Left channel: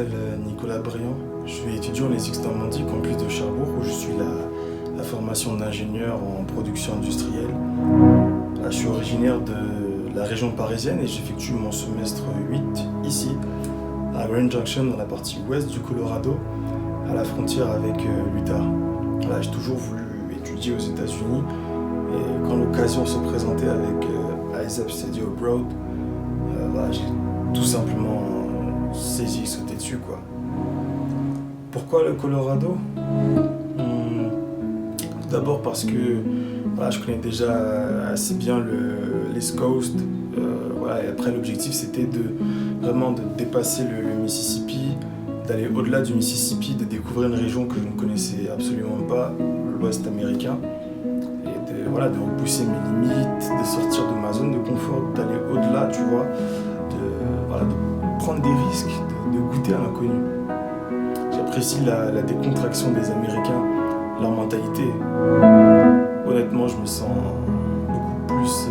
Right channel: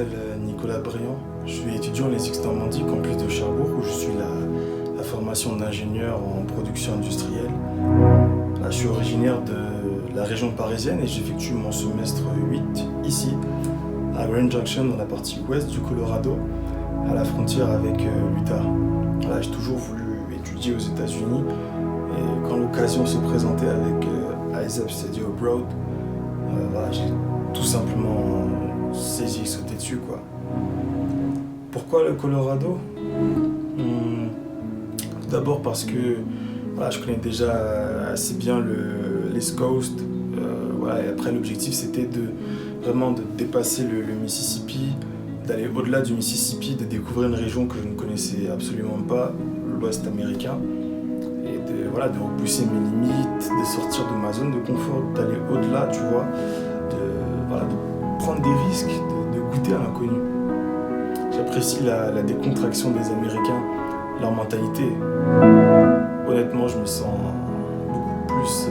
m'appelle Nicolas Briand. Je suis étudiant en ESIX Normandie, campus de Cherbourg, où je suis la formation d'ingénieur en production industrielle. Là, je suis originaire de la région parisienne et j'effectue mon semestre 8 ici, à Grand Junction, dans la partie ouest du Colorado, à la frontière avec l'Utah. Voilà, j'ai toujours voulu étudier aux États-Unis et quand l'occasion se présentait avec ISEP Study Abroad, voilà, j'ai tout simplement saisi, sauté dessus, quoi. Pourquoi le Colorado? Tout d'abord parce que voilà, je connais déjà assez bien l'East Coast. Voilà, et après, l'objectif, c'était vraiment de dépasser le Mississippi, d'aller au-delà du Mississippi, de découvrir une région que je ne connaissais absolument pas, l'Ouest américain, et de repousser mes limites, de sortir de ma zone de confort, d'aller au-delà, tu vois, de prendre des risques, de goûter à l'inconnu. J'apprécie la décontraction des Américains, leur mentalité. Honnêtement, je me sens beaucoup plus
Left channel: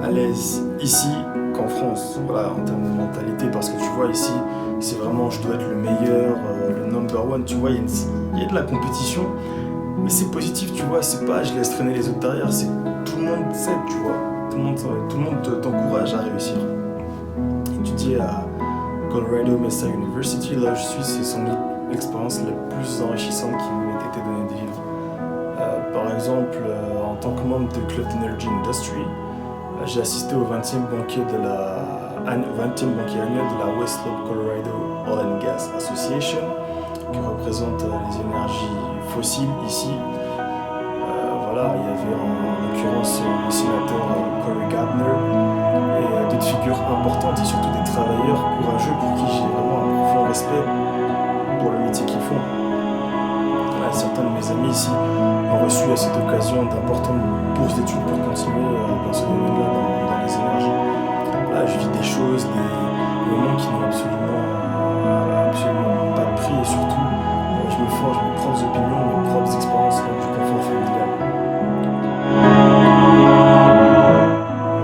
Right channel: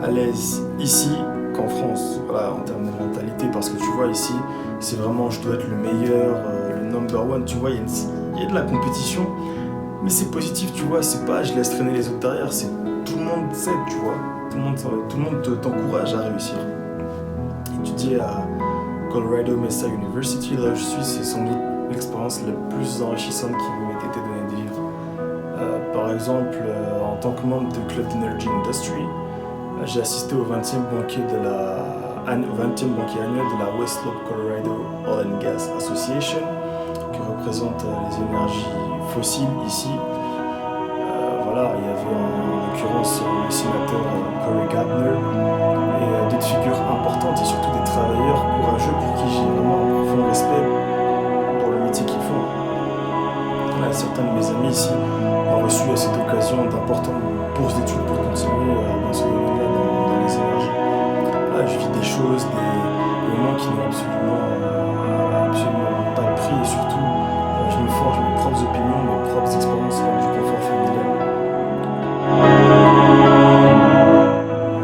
à l'aise ici qu'en France, voilà, en termes de mentalité, parce que tu vois, ici, c'est vraiment, je dois être le meilleur, le number one, tu vois, il y a de la compétition, mais c'est positif, tu vois, c'est pas je laisse traîner les autres derrière, c'est tout le monde s'aide, tu vois, tout le monde t'encourage à réussir. Étudier à Colorado Mesa University, là où je suis, c'est sans doute l'expérience la plus enrichissante qui m'ait été donnée de vivre. Par exemple, en tant que membre du Club d'Energy Industry, j'ai assisté au 20e banquet annuel de la West Slope Colorado Oil and Gas Association, qui représente les énergies fossiles ici. Voilà, il y avait en l'occurrence le sénateur Cory Gardner et d'autres figures importantes et surtout des travailleurs courageux pour qui j'ai vraiment un profond respect pour le métier qu'ils font. Voilà, certains de mes amis ici ont reçu à cette occasion d'importantes bourses d'études pour continuer dans ce domaine-là, dans les énergies. Là, je vis des choses, des moments qui n'ont absolument pas de prix et surtout, je me forge mes propres opinions, mes propres expériences loin du confort familial.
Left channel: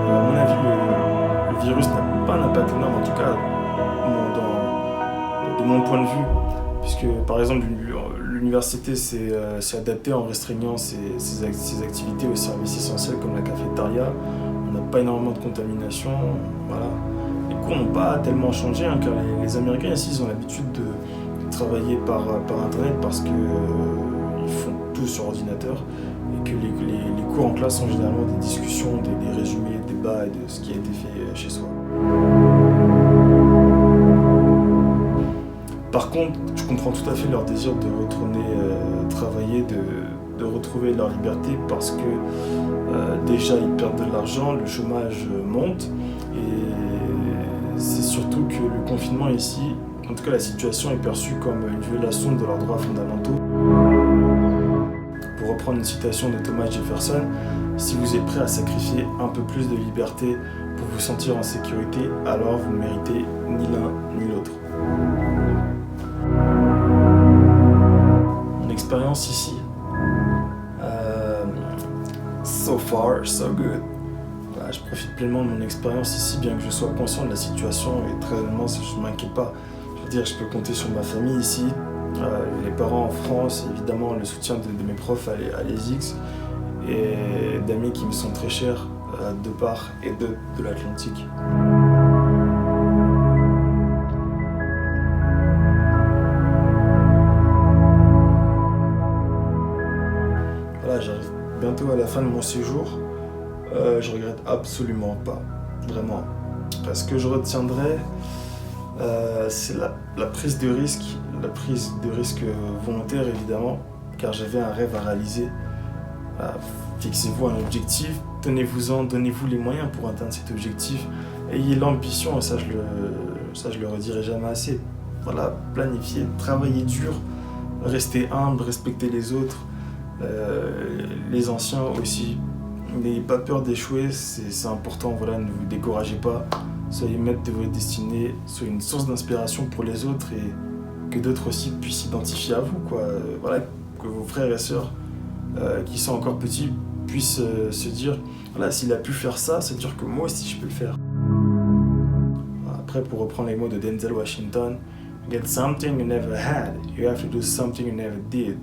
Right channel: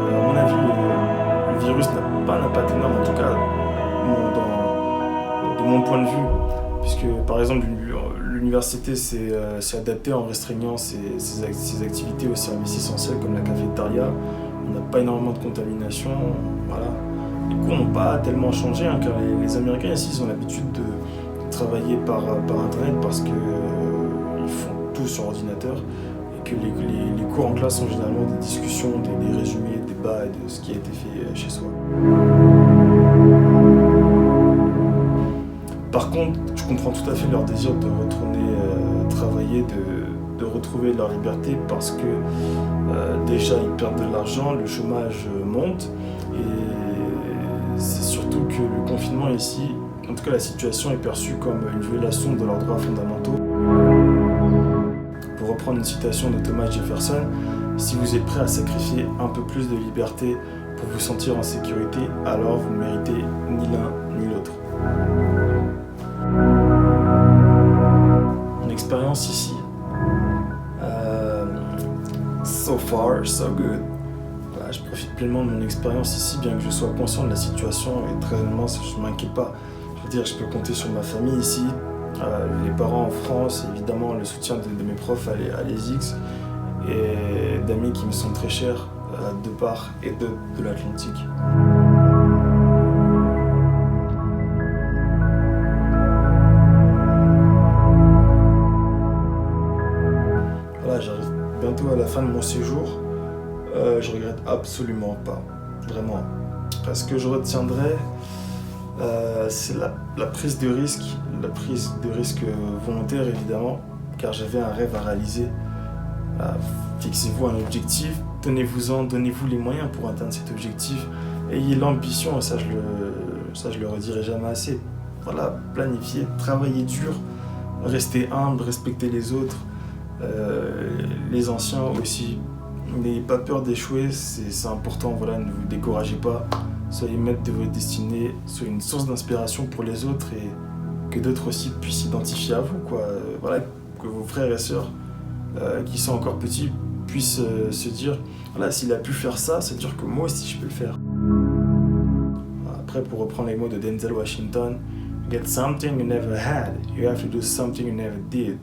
À mon avis, le virus n'a pas un impact énorme, en tout cas de mon point de vue. Puisque par exemple l'université s'est adaptée en restreignant ses activités aux services essentiels comme la cafétéria. On n'a pas énormément de contamination. Voilà. Les cours n'ont pas tellement changé, car les Américains ici ils ont l'habitude de travailler par internet parce qu'ils font tout sur ordinateur et que les cours en classe sont généralement des discussions, des résumés, des débats et de ce qui a été fait chez soi. Par contre, je comprends tout à fait leur désir de retourner travailler, de retrouver leur liberté parce que déjà ils perdent de l'argent, le chômage monte et c'est surtout que le confinement ici, en tout cas la situation est perçue comme une violation de leurs droits fondamentaux. Pour reprendre une citation de Thomas Jefferson, si vous êtes prêt à sacrifier un peu plus de liberté pour vous sentir en sécurité, alors vous ne méritez ni l'un ni l'autre. Expérience ici, so far, so good. Voilà, je profite pleinement de mon expérience ici, bien que je sois conscient de la situation et très honnêtement, je ne m'inquiète pas. Je veux dire, je peux compter sur ma famille ici, les parents en France, évidemment le soutien de mes profs à l'ESIX et d'amis qui me sont très chers de part et de l'Atlantique. Voilà, j'arrive bientôt à la fin de mon séjour. Je regrette absolument pas, vraiment. Ce que je retiendrai, c'est la prise de risque volontaire évidemment, car j'avais un rêve à réaliser. Fixez-vous un objectif, tenez-vous-en, donnez-vous les moyens pour atteindre cet objectif. Ayez l'ambition, ça je le redirai jamais assez. Voilà, planifiez, travaillez dur, restez humble, respectez les autres. Les anciens aussi, n'ayez pas peur d'échouer, c'est important, voilà, ne vous découragez pas, soyez maître de votre destinée, soyez une source d'inspiration pour les autres et que d'autres aussi puissent s'identifier à vous, quoi. Voilà, que vos frères et sœurs qui sont encore petits puissent se dire, voilà, s'il a pu faire ça, c'est dire que moi aussi je peux le faire. Après, pour reprendre les mots de Denzel Washington, get something you never had. You have to do something you never did.